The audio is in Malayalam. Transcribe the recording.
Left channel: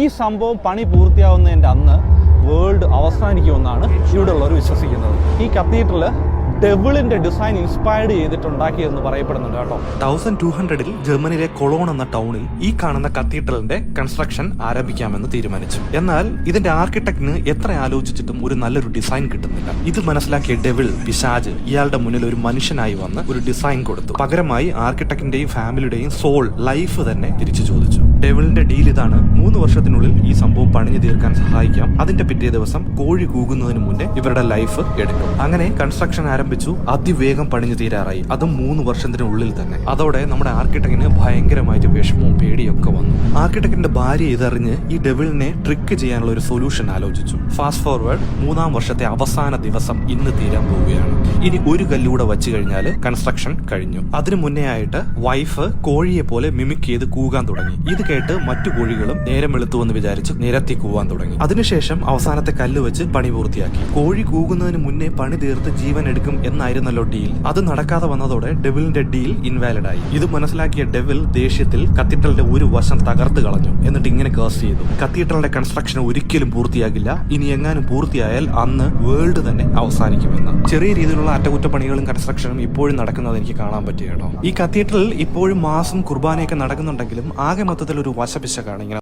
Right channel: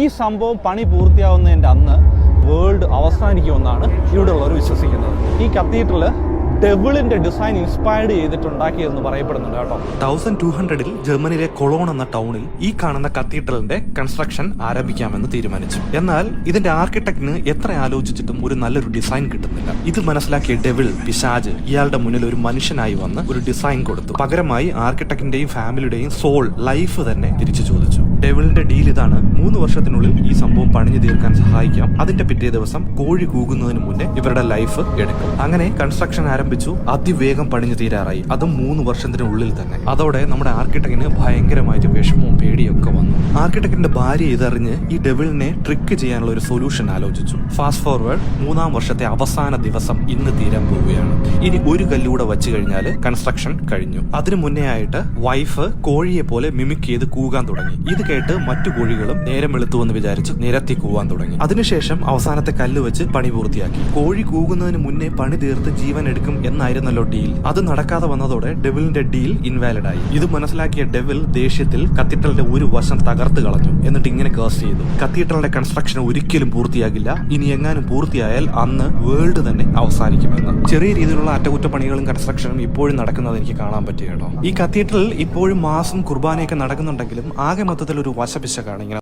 ഈ സംഭവം പണി പൂർത്തിയാവുന്നതിൻ്റെ അന്ന് വേൾഡ് അവസാനിക്കുമെന്നാണ് ഇവിടെയുള്ളവർ വിശ്വസിക്കുന്നത്. ഈ കത്തീഡ്രൽ ഡെവിളിന്റെ ഡിസൈൻ ഇൻസ്പയർഡ് ചെയ്തിട്ടുണ്ടാക്കിയെന്ന് പറയപ്പെടുന്നുണ്ട് കേട്ടോ. 1200-ൽ ജർമ്മനിയിലെ കൊളോൺ എന്ന ടൗണിൽ ഈ കാണുന്ന കത്തീഡ്രലിന്റെ കൺസ്ട്രക്ഷൻ ആരംഭിക്കാമെന്ന് തീരുമാനിച്ചു. എന്നാൽ ഇതിന്റെ ആർക്കിടെക്ടിന് എത്ര ആലോചിച്ചിട്ടും ഒരു നല്ലൊരു ഡിസൈൻ കിട്ടുന്നില്ല. ഇത് മനസ്സിലാക്കിയ ഡെവിൾ പിശാജ് ഇയാളുടെ മുന്നിൽ ഒരു മനുഷ്യനായി വന്ന് ഒരു ഡിസൈൻ കൊടുത്തു. പകരമായി ആർക്കിടെക്ടിന്റെയും ഫാമിലിയുടെയും സോൾ ലൈഫ് തന്നെ തിരിച്ചു ചോദിച്ചു. ഡെവിളിന്റെ ഡീൽ ഇതാണ്: 3 വർഷത്തിനുള്ളിൽ ഈ സംഭവം പണിഞ്ഞു തീർക്കാൻ സഹായിക്കാം. അതിന്റെ പിറ്റേ ദിവസം കോഴി കൂകുന്നതിന് മുന്നേ ഇവരുടെ ലൈഫ് എടുക്കും. അങ്ങനെ കൺസ്ട്രക്ഷൻ ആരംഭിച്ചു. അതിവേഗം പണിഞ്ഞു തീരാറായി, അതും 3 വർഷത്തിനുള്ളിൽ തന്നെ. അതോടെ നമ്മുടെ ആർക്കിടെക്ടിന് ഭയങ്കരമായിട്ട് വിഷമവും പേടിയൊക്കെ വന്നു. ആർക്കിടെക്ടിന്റെ ഭാര്യ ഇതറിഞ്ഞ് ഈ ഡെവിളിനെ ട്രിക്ക് ചെയ്യാനുള്ള ഒരു സൊല്യൂഷൻ ആലോചിച്ചു. ഫാസ്റ്റ് ഫോർവേഡ് 3-ാം വർഷത്തെ അവസാന ദിവസം ഇന്ന് തീരാൻ പോവുകയാണ്. ഇനി ഒരു കല്ലൂടെ വച്ചു കഴിഞ്ഞാൽ കൺസ്ട്രക്ഷൻ കഴിഞ്ഞു. അതിനു മുന്നേ ആയിട്ട് വൈഫ് കോഴിയെ പോലെ മിമിക് ചെയ്ത് കൂകാൻ തുടങ്ങി. ഇത് കേട്ട് മറ്റു കോഴികളും നേരം വെളുത്തുവെന്ന് വിചാരിച്ച് നിരത്തി കൂവാൻ തുടങ്ങി. അതിനുശേഷം അവസാനത്തെ കല്ല് വെച്ച് പണി പൂർത്തിയാക്കി. കോഴി കൂകുന്നതിന് മുന്നേ പണി തീർത്ത് ജീവൻ എടുക്കും എന്നായിരുന്നല്ലോ ഡീൽ. അത് നടക്കാതെ വന്നതോടെ ഡെവിളിന്റെ ഡീൽ ഇൻവാലിഡ് ആയി. ഇത് മനസ്സിലാക്കിയ ഡെവിൾ ദേഷ്യത്തിൽ കത്തീഡ്രലിന്റെ ഒരു വശം തകർത്ത് കളഞ്ഞു. എന്നിട്ട് ഇങ്ങനെ കേസ് ചെയ്തു: കത്തീഡ്രലിന്റെ കൺസ്ട്രക്ഷൻ ഒരിക്കലും പൂർത്തിയാകില്ല, ഇനി എങ്ങാനും പൂർത്തിയായാൽ അന്ന് വേൾഡ് തന്നെ അവസാനിക്കുമെന്ന്. ചെറിയ രീതിയിലുള്ള അറ്റകുറ്റപ്പണികളും കൺസ്ട്രക്ഷനും ഇപ്പോഴും നടക്കുന്നത് എനിക്ക് കാണാൻ പറ്റി കേട്ടോ. ഈ കത്തീഡ്രൽ ഇപ്പോഴും മാസം കുർബാനയൊക്കെ നടക്കുന്നുണ്ടെങ്കിലും ആകെ മൊത്തത്തിൽ ഒരു വശപിശകാണ്. ഇങ്ങനെ